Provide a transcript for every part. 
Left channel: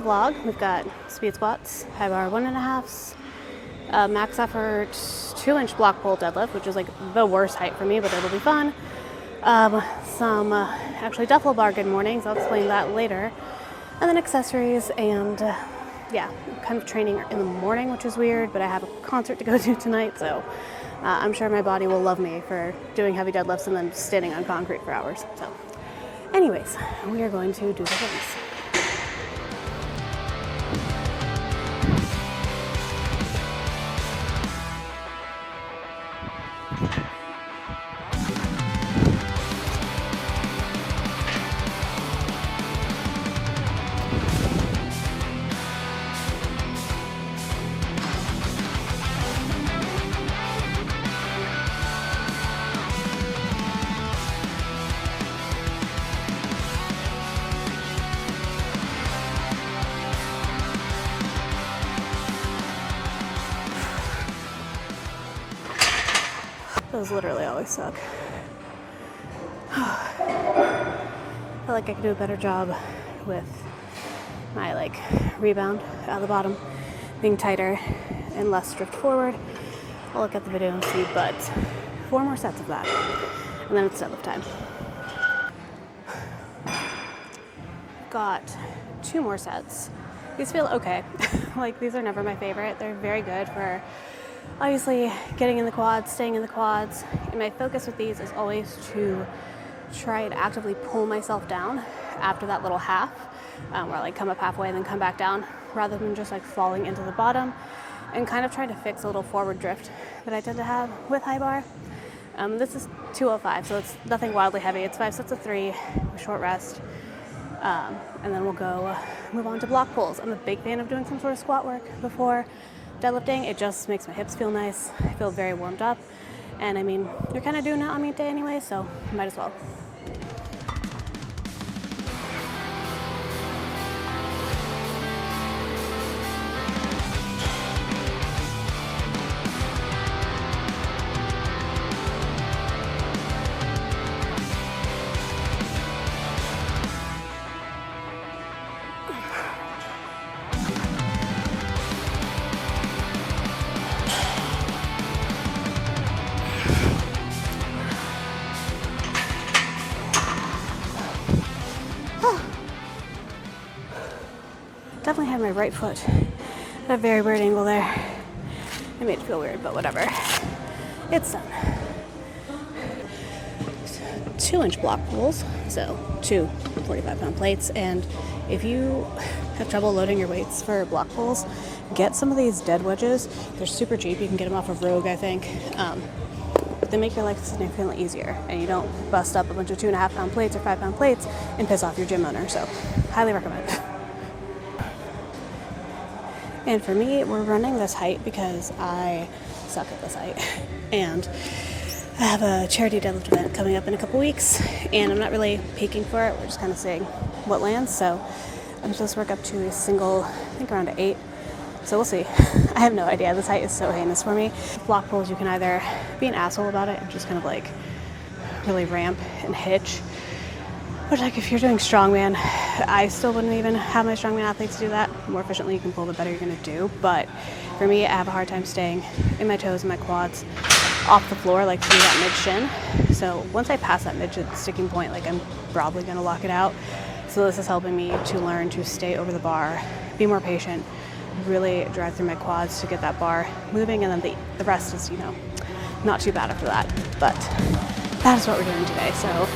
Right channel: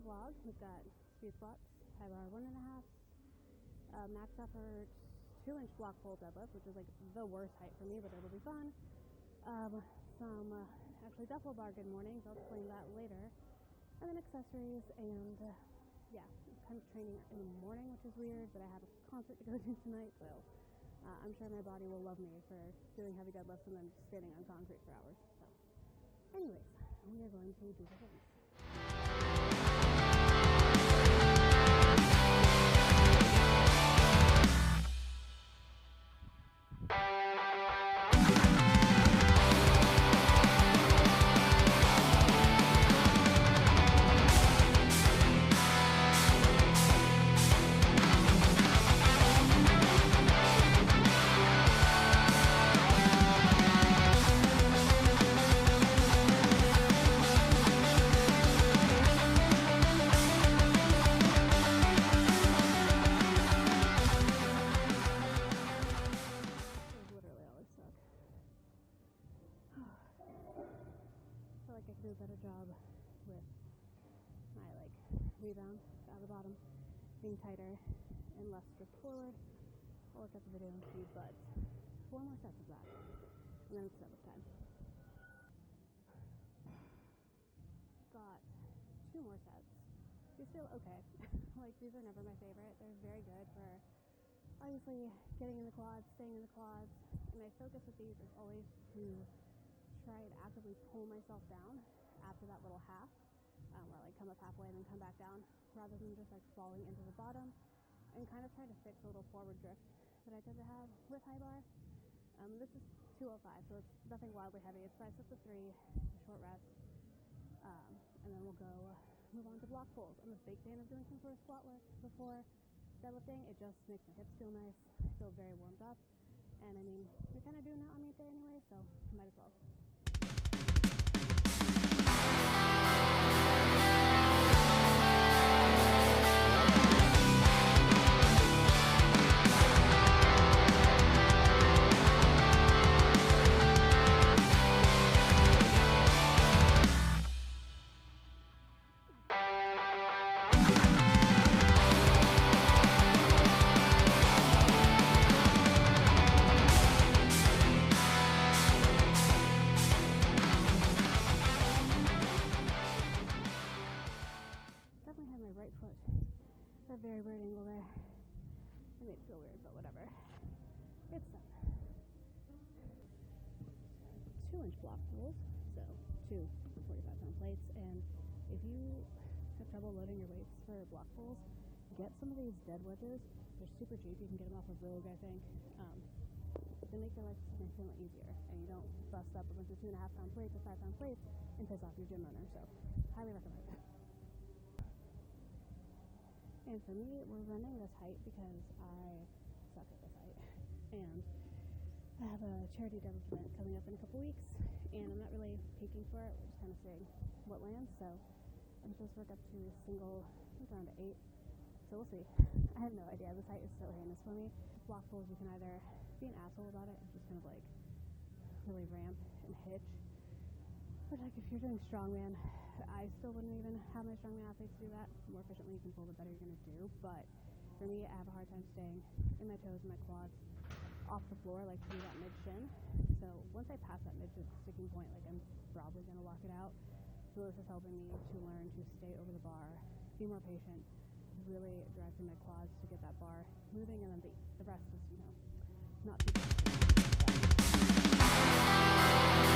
the vlog. We've got speed squats, high bar 1.5s, max effort 2-inch block pull deadlift, which is like the worst height for me, but it'll be fun. Some actually duffel bar good mornings. I'll explain that later. And then accessories and yeah, kind of training in the morning, which is weird, but I have a concert to go to tonight, so I'm sure my body will love me for doing heavy deadlifts and then standing on concrete for hours. So anyways, we are going to do the things. Those literally always suck. I feel like I could do a better job with my rebound out of the bottom being tighter and less drift forward. I'll look at the video and see, but 4 more sets of that and then it's deadlift time. Got 2 more sets. These feel okay. These are never my favorite. They're very good for obviously getting in the quads, staying in the quads. And my focus with these is always to try and actively pull myself down after that little half, where I come up halfway and then come back down, rather than just falling into the bottom and kind of trying to fix a little forward drift that I tend to have with high bar. This is 205, so it's nothing wildly heavy. It's 5 sets of 3, with short rest. And then we'll go move on to block pulls. I'm a big fan of doing some sort of squat work before deadlifting. It just makes my hips feel nice. I feel very warmed up. And I mean, you're kind of doing it on meet day anyway, so might as well. Definitely have my right foot at a very weird angle there. I made it feel weird, but whatever. It's done. 2-inch block pulls, so 2 45-pound plates. And if you have trouble loading your weights for block pulls, get some of these dead wedges. They're super cheap. You can get them off of Rogue, I think. But they make your life significantly easier, and you don't bust up a bunch of 2.5-pound plates or 5-pound plates and piss off your gym owner. So highly recommend. And for me, we're running this height because I suck at this height. And I have a charity deadlift event coming up in a couple weeks, and I'm not really peaking for it. We're just kind of seeing what lands. So I'm supposed to work up to a single, I think around 8. So we'll see. I have no idea. This height is so heinous for me. Block pulls, you can either be an asshole about it and just kind of really ramp and hitch. But if you're doing strongman, I still wouldn't even have my strongman athletes do that. The more efficiently you can pull, the better you're gonna do. But for me, I have a hard time staying in my toes and my quads off the floor, to do that mid-shin. So once I pass that mid-shin sticking point, I'm probably gonna lock it out. So this is helping me to learn to stay over the bar, be more patient, really drive through my quads to get that bar moving, and then the rest is, not too bad after that. But that is what we're doing today. So.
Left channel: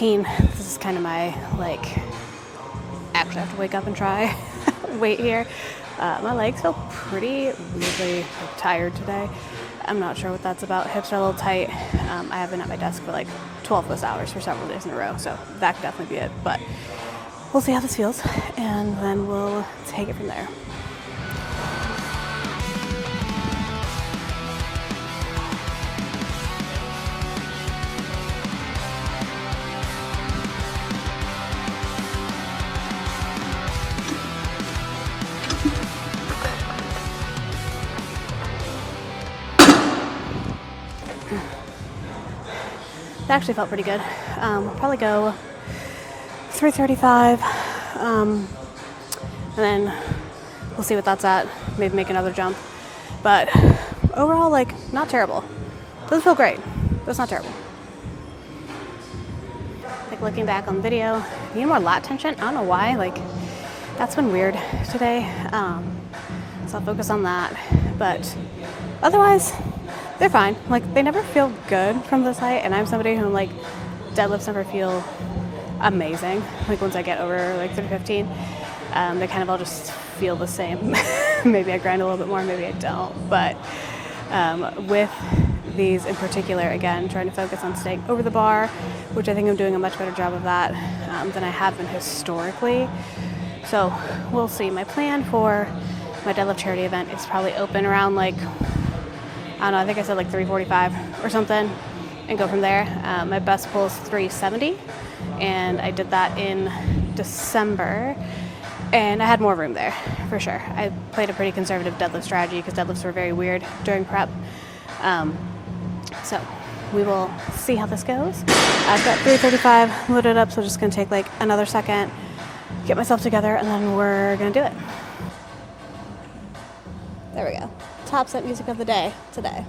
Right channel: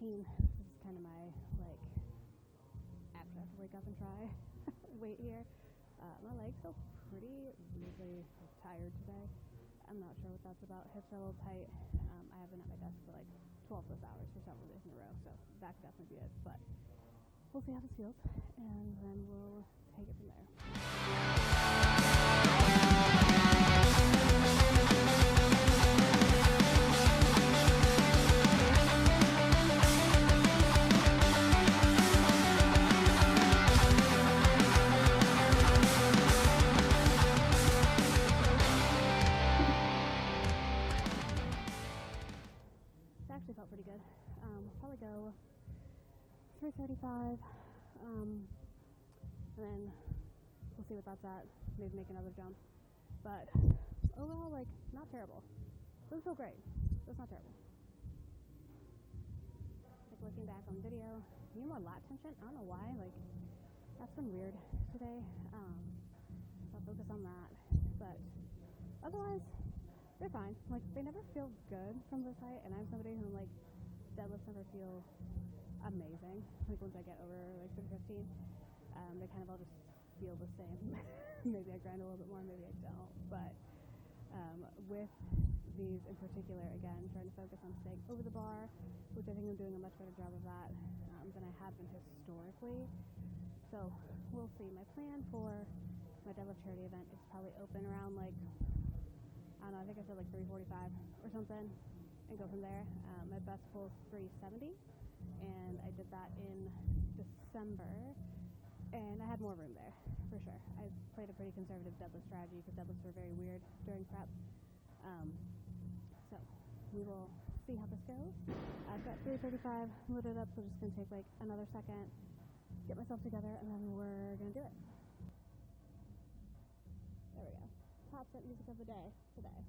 This is kind of my actually have to wake up and try weight here. My legs feel pretty weirdly tired today. I'm not sure what that's about. Hips are a little tight. I have been at my desk for 12 plus hours for several days in a row, so that could definitely be it. But we'll see how this feels, and then we'll take it from there. That actually felt pretty good. We'll probably go 335, and then we'll see what that's at. Maybe make another jump. But overall, like, not terrible. Doesn't feel great, but it's not terrible. Like, looking back on the video, need more lat tension. I don't know why. Like, that's been weird today. So I'll focus on that. But otherwise, they're fine. Like, they never feel good from this height, and I'm somebody who, like, deadlifts never feel amazing. Like, once I get over like 315, they kind of all just feel the same. Maybe I grind a little bit more, maybe I don't. But with these in particular, again, trying to focus on staying over the bar, which I think I'm doing a much better job of that than I have been historically. So we'll see. My plan for my deadlift charity event is probably open around, like, I don't know, I think I said like 345 or something, and go from there. My best pull is 370, and I did that in December, and I had more room there, for sure. I played a pretty conservative deadlift strategy because deadlifts were very weird during prep. So we will see how this goes. I've got 335 loaded up, so just gonna take like another second, get myself together, and then we're gonna do it. There we go. Top set music of the day today.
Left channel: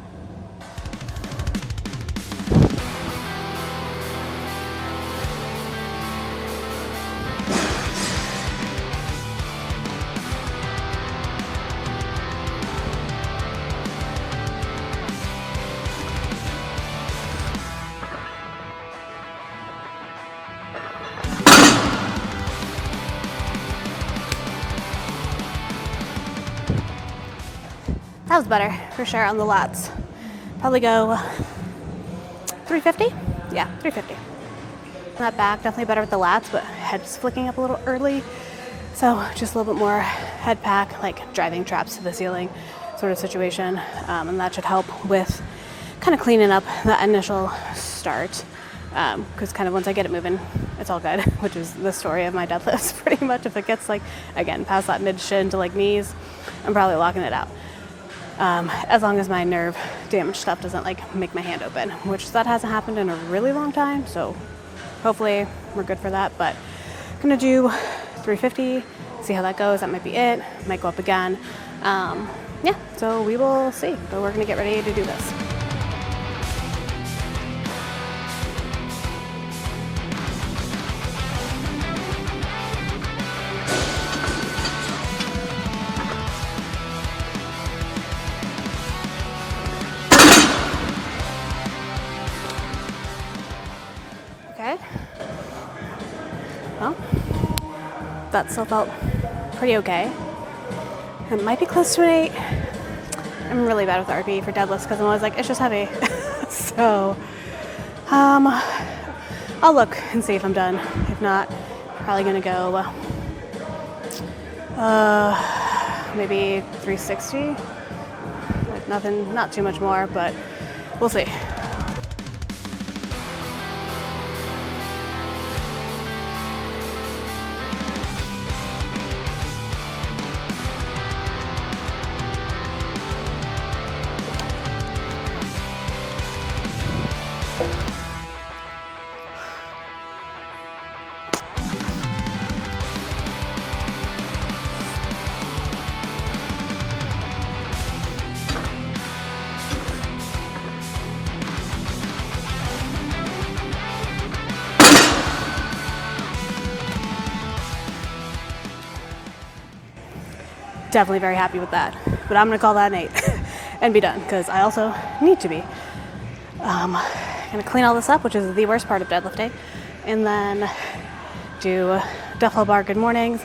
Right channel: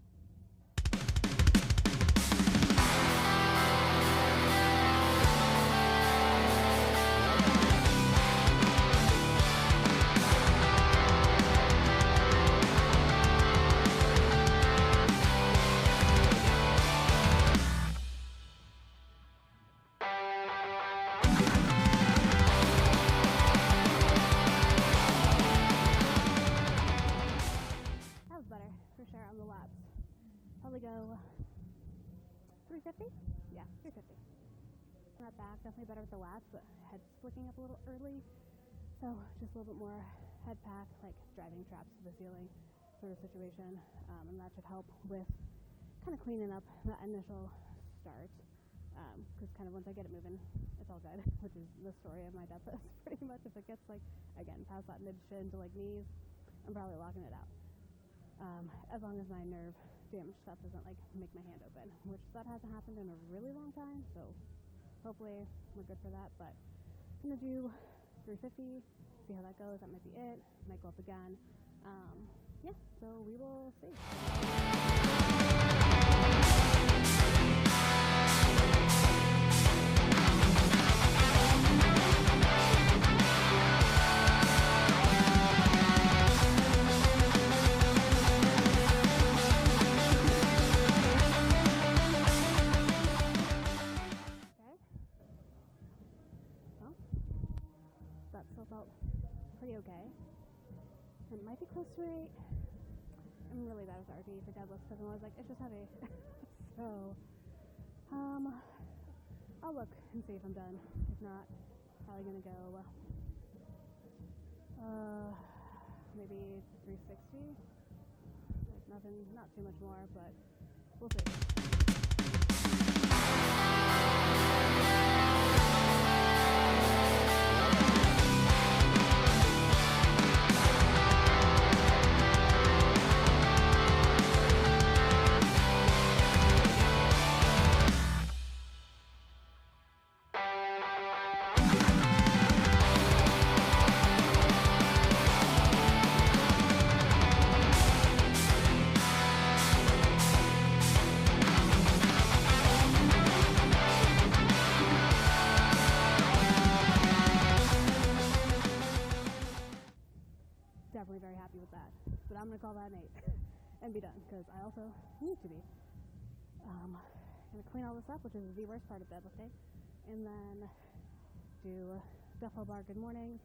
That was better, for sure, on the lats. Probably go 350? Yeah, 350. That back, definitely better with the lats, but head's flicking up a little early. So just a little bit more head pack, like driving traps to the ceiling sort of situation. And that should help with kind of cleaning up that initial start. Because kind of once I get it moving, it's all good, which is the story of my deadlifts pretty much. If it gets, like, again, past that mid shin to like knees, I'm probably locking it out. As long as my nerve damage stuff doesn't, like, make my hand open, which that hasn't happened in a really long time, so hopefully we're good for that. But I'm gonna do 350, see how that goes. That might be it. Might go up again. Yeah, so we will see. But we're gonna get ready to do this. Well, that still felt pretty okay. It might be close to an 8. I'm really bad with RP for deadlifts because I'm always like, it's just heavy. So, I'll look and see if I'm done. If not, probably gonna go maybe 360. Like nothing, not too much more, but we'll see. Definitely very happy with that, but I'm gonna call that an 8 and be done because I also need to be. Gonna clean all this up, which is the worst part of deadlifting, and then do duffel bar good mornings,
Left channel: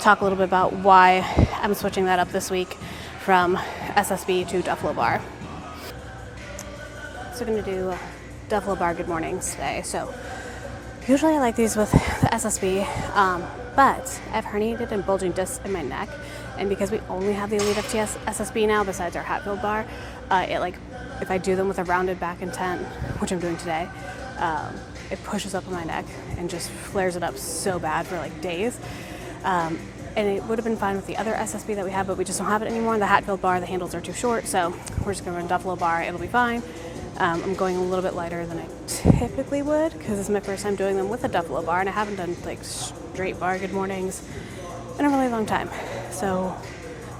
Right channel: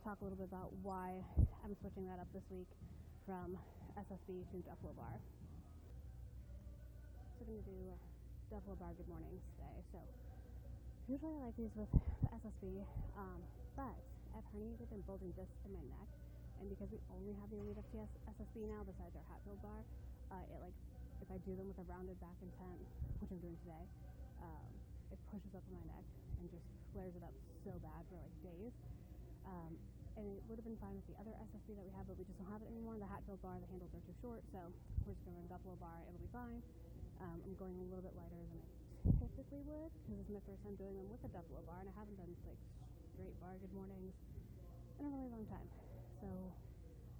talk a little bit about why I'm switching that up this week from SSB to duffel bar. So I'm gonna do duffel bar good mornings today. So Usually I like these with the SSB, but I have herniated and bulging discs in my neck, and because we only have the Elite FTS SSB now besides our Hatfield bar, if I do them with a rounded back intent, which I'm doing today, it pushes up in my neck and just flares it up so bad for like days. And it would have been fine with the other SSB that we have, but we just don't have it anymore. The Hatfield bar, the handles are too short, so we're just gonna run Duffalo bar, it'll be fine. I'm going a little bit lighter than I typically would because this is my first time doing them with a Duffalo bar, and I haven't done like straight bar good mornings in a really long time. So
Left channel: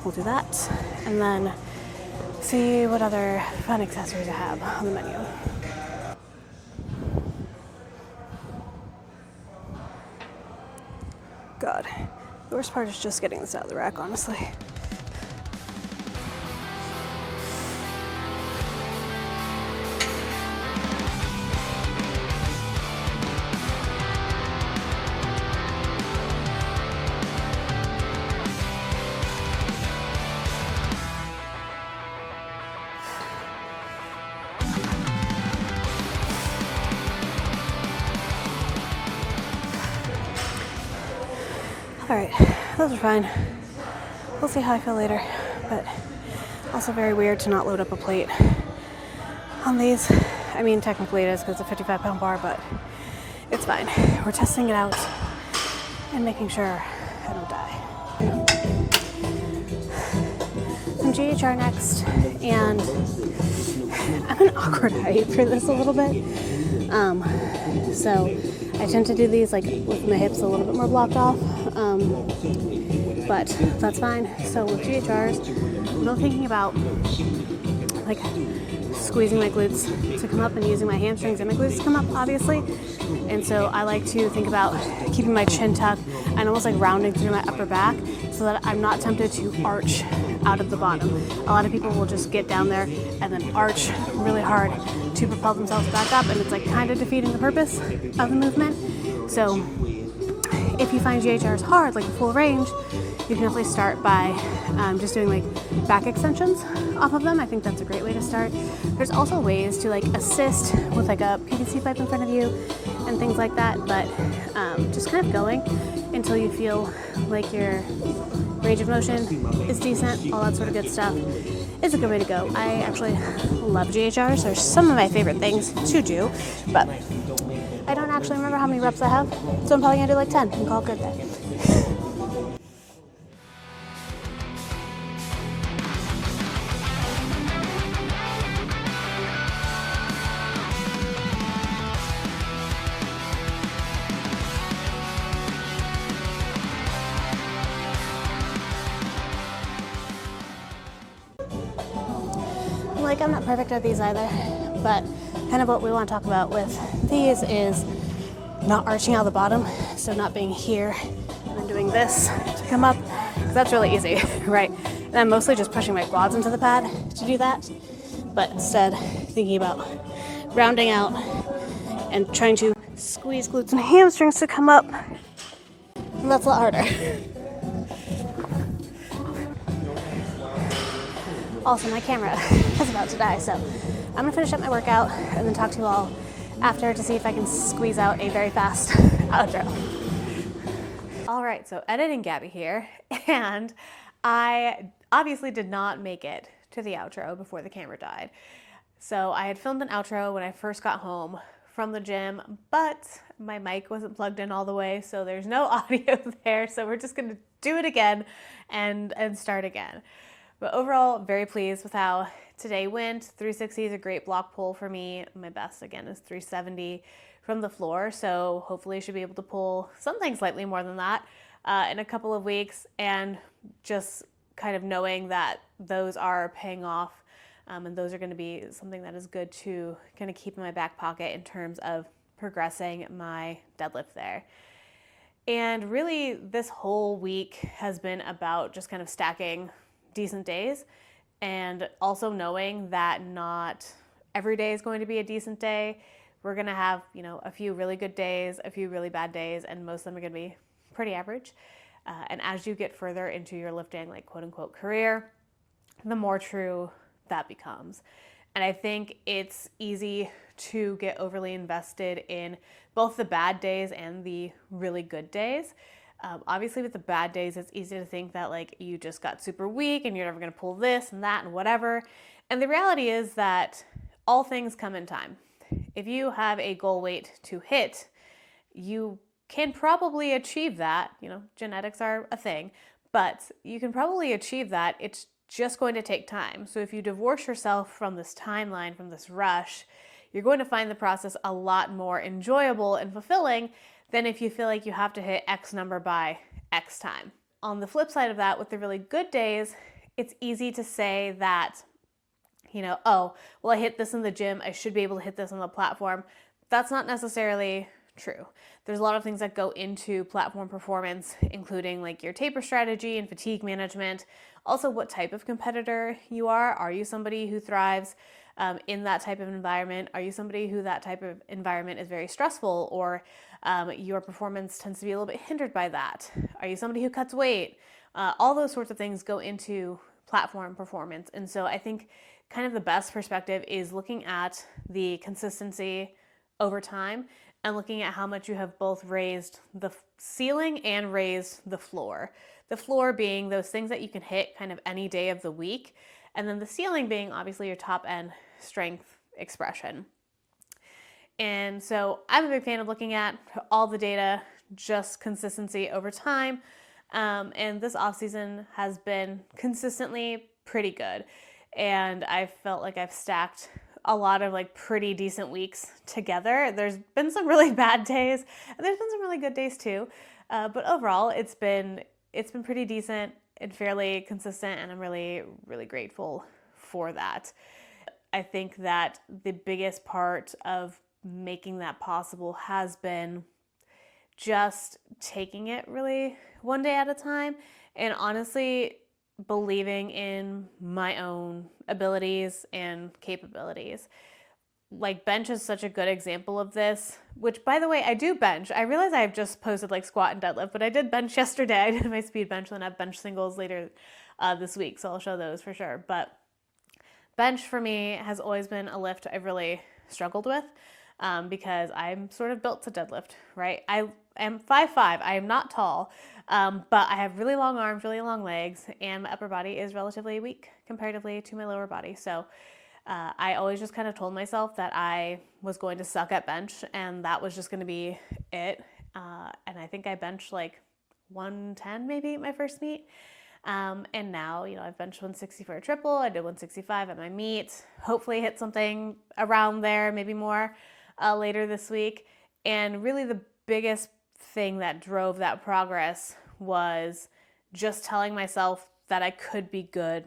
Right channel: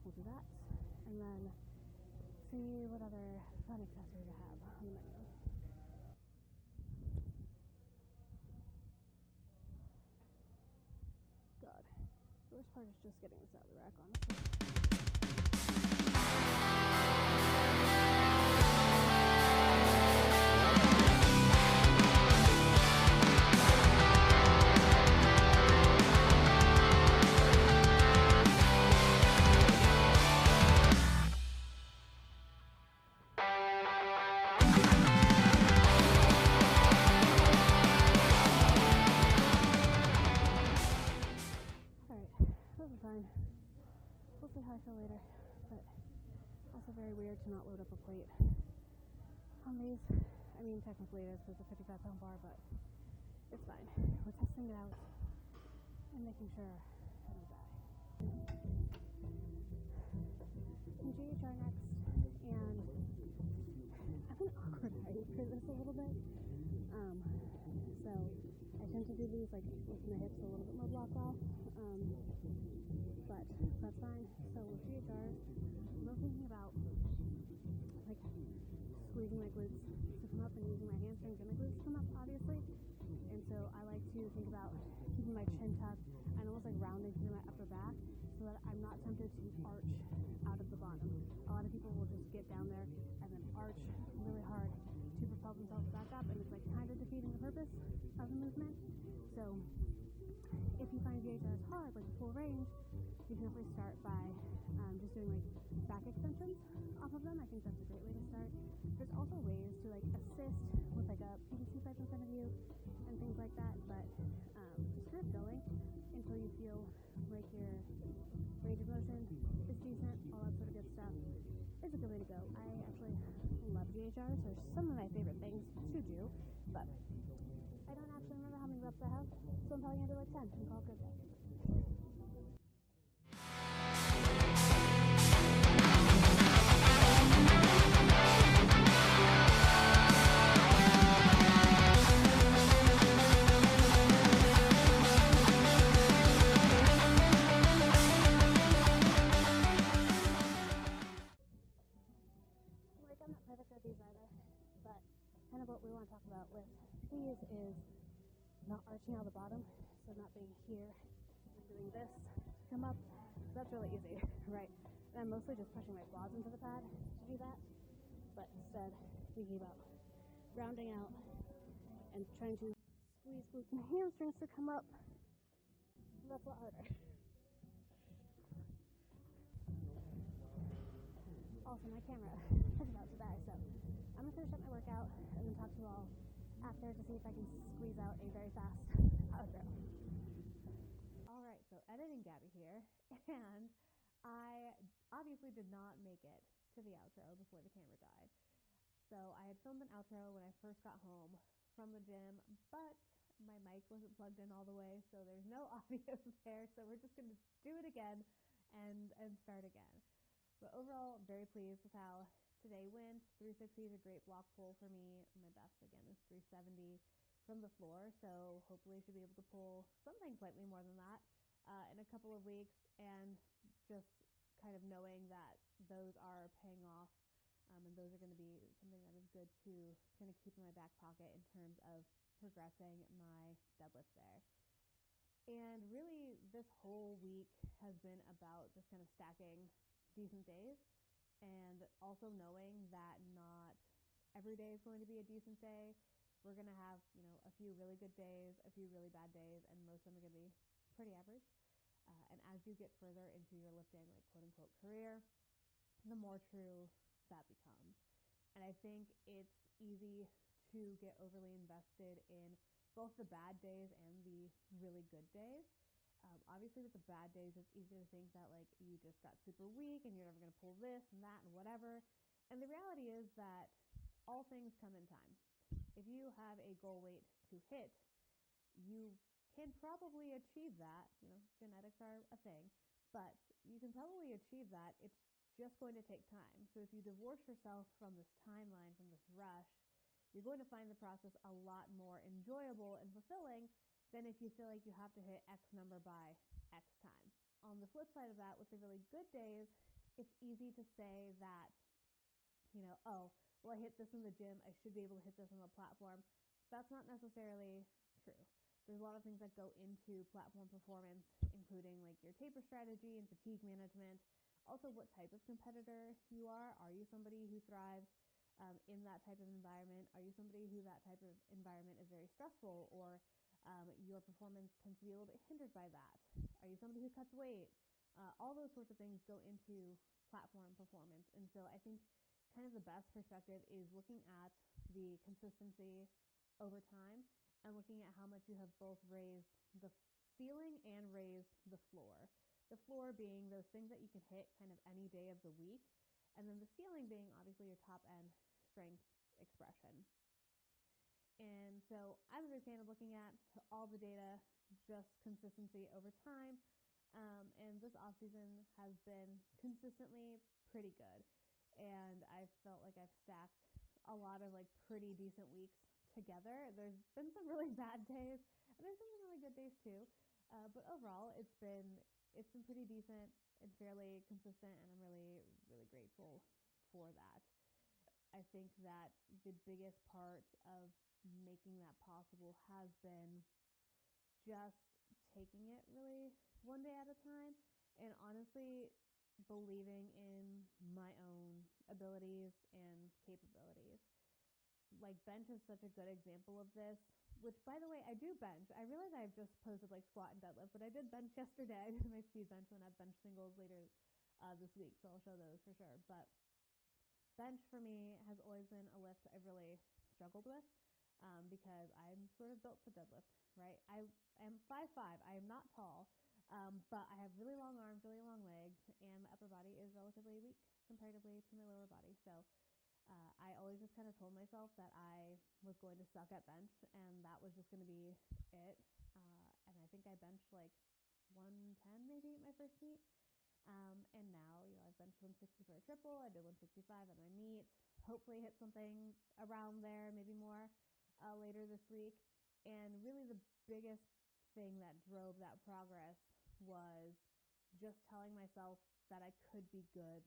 we'll do that and then see what other fun accessories I have on the menu. God, the worst part is just getting this out of the rack, honestly. All right, those are fine. We'll see how I feel later, but also very weird to not load up a plate on these. I mean, technically it is because it's a 55-pound bar, but it's fine. We're testing it out and making sure I don't die. Some GHR next, and I'm an awkward height for this a little bit. So I tend to do these like with my hips a little bit more blocked off, but that's fine. So with GHRs, I'm not thinking about like squeezing my glutes to come up and using my hamstrings and my glutes to come up, obviously. And so I like to think about keeping my chin tucked and almost like rounding through my upper back so that I'm not tempted to arch out of the bottom. A lot of people will just get down there and then arch really hard to propel themselves back up, and it's like kind of defeating the purpose of the movement. So if you find GHRs hard, like the full range, you can definitely start by just doing like back extensions off of them. I think that's a great way to start. There's also ways to like assist with like a PVC pipe in front of you and things like that, but just kind of going until you feel like your range of motion is decent, all that sort of good stuff is a good way to go. I actually love GHRs. They're some of my favorite things to do, but I don't actually remember how many reps I have, so I'm probably gonna do like 10 and call it good day. Like, I'm not perfect at these either, but kind of what we want to talk about with these is not arching out the bottom, so not being here and then doing this to come up, because that's really easy, right? And I'm mostly just pushing my quads into the pad to do that, but instead thinking about rounding out and trying to squeeze glutes and hamstrings to come up, and that's a lot harder. Also, my camera is about to die, so I'm gonna finish up my workout and then talk to you all after to see if I can squeeze out a very fast outro. All right, so editing Gabby here, and I obviously did not make it to the outro before the camera died. So I had filmed an outro when I first got home from the gym, but my mic wasn't plugged in all the way, so there's no audio there, so we're just gonna do it again and start again. But overall, very pleased with how today went. 360 is a great block pull for me. My best, again, is 370 from the floor. So hopefully I should be able to pull something slightly more than that in a couple of weeks. And just kind of knowing that those are paying off and those are going to be something that is good to kind of keep in my back pocket in terms of progressing my deadlift there. And really, this whole week has been about just kind of stacking decent days, and also knowing that not every day is going to be a decent day. We're going to have, a few really good days, a few really bad days, and most of them are going to be pretty average. And as you get further into your lifting, like quote unquote career, the more true that becomes. And I think it's easy to get overly invested in both the bad days and the really good days. Obviously, with the bad days, it's easy to think that like you just got super weak and you're never going to pull this and that and whatever. And the reality is that all things come in time. If you have a goal weight to hit, you can probably achieve that. You know, genetics are a thing, but you can probably achieve that. It's just going to take time. So if you divorce yourself from this timeline, from this rush, you're going to find the process a lot more enjoyable and fulfilling than if you feel like you have to hit X number by X time. On the flip side of that, with the really good days, it's easy to say that, you know, oh, well, I hit this in the gym, I should be able to hit this on the platform. That's not necessarily true. There's a lot of things that go into platform performance, including like your taper strategy and fatigue management. Also, what type of competitor you are. Are you somebody who thrives in that type of environment? Are you somebody who that type of environment is very stressful, or your performance tends to be a little bit hindered by that? Are you somebody who cuts weight? All those sorts of things go into platform performance. And so I think kind of the best perspective is looking at the consistency over time and looking at how much you have both raised the ceiling and raised the floor. The floor being those things that you can hit kind of any day of the week, and then the ceiling being obviously your top end strength expression. And so I'm a big fan of looking at all the data, just consistency over time. And this off season has been consistently pretty good. And I felt like I've stacked a lot of like pretty decent weeks together. There's been some really bad days, and there's been some really good days too. But overall, it's been pretty decent and fairly consistent, and I'm really, really grateful for that. I think that the biggest part of making that possible has been just taking it really one day at a time, and honestly believing in my own abilities and capabilities. Like bench is such a good example of this, which by the way, I do bench. I realize I've just posted like squat and deadlift, but I did bench yesterday. I did my speed bench, and I have bench singles later this week, so I'll show those for sure. But bench for me has always been a lift I've really struggled with because I'm sort of built to deadlift, right? I am 5'5". I am not tall, but I have really long arms, really long legs, and my upper body is relatively weak comparatively to my lower body. So I always just kind of told myself that I was going to suck at bench, and that was just going to be it. And I think I benched like 110 maybe my first meet. And now, you know, I've benched 160 for a triple. I did 165 at my meet. Hopefully hit something around there, maybe more later this week. And really the biggest thing that drove that progress was just telling myself that I could be good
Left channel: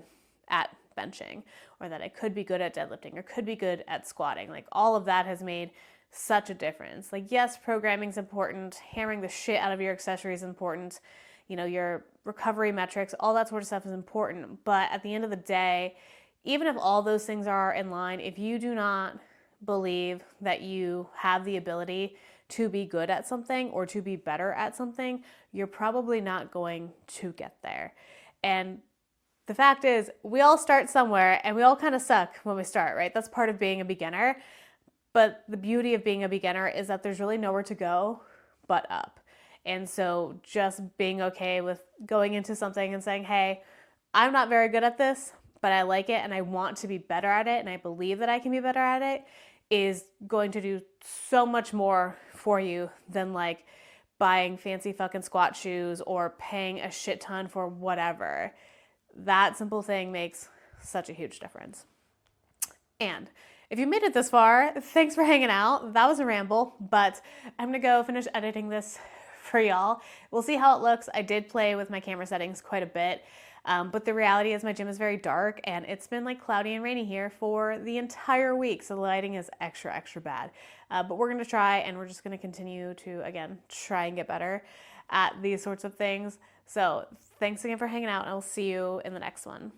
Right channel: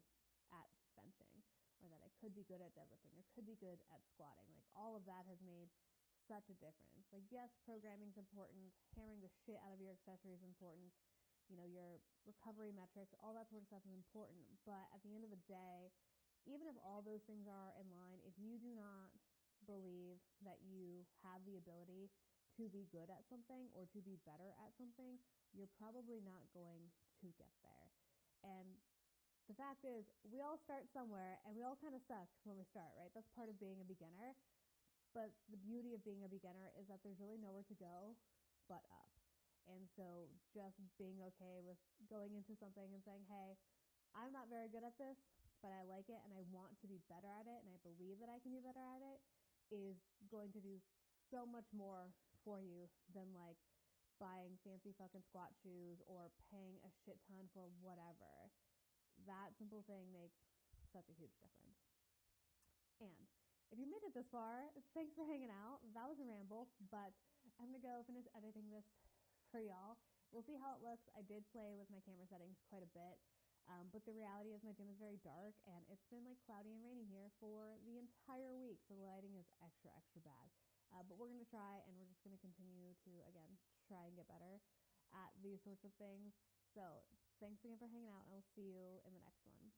at benching, or that I could be good at deadlifting, or could be good at squatting. Like all of that has made such a difference. Like, yes, programming's important, hammering the shit out of your accessories is important, you know, your recovery metrics, all that sort of stuff is important. But at the end of the day, even if all those things are in line, if you do not believe that you have the ability to be good at something or to be better at something, you're probably not going to get there. And the fact is, we all start somewhere, and we all kind of suck when we start, right? That's part of being a beginner. But the beauty of being a beginner is that there's really nowhere to go but up. And so just being okay with going into something and saying, hey, I'm not very good at this, but I like it and I want to be better at it, and I believe that I can be better at it, is going to do so much more for you than like buying fancy fucking squat shoes or paying a shit ton for whatever. That simple thing makes such a huge difference. And if you made it this far, thanks for hanging out. That was a ramble, but I'm gonna go finish editing this for y'all. We'll see how it looks. I did play with my camera settings quite a bit, but the reality is my gym is very dark, and it's been like cloudy and rainy here for the entire week, so the lighting is extra, extra bad. But we're gonna try, and we're just gonna continue to, again, try and get better at these sorts of things. So thanks again for hanging out, and I'll see you in the next one.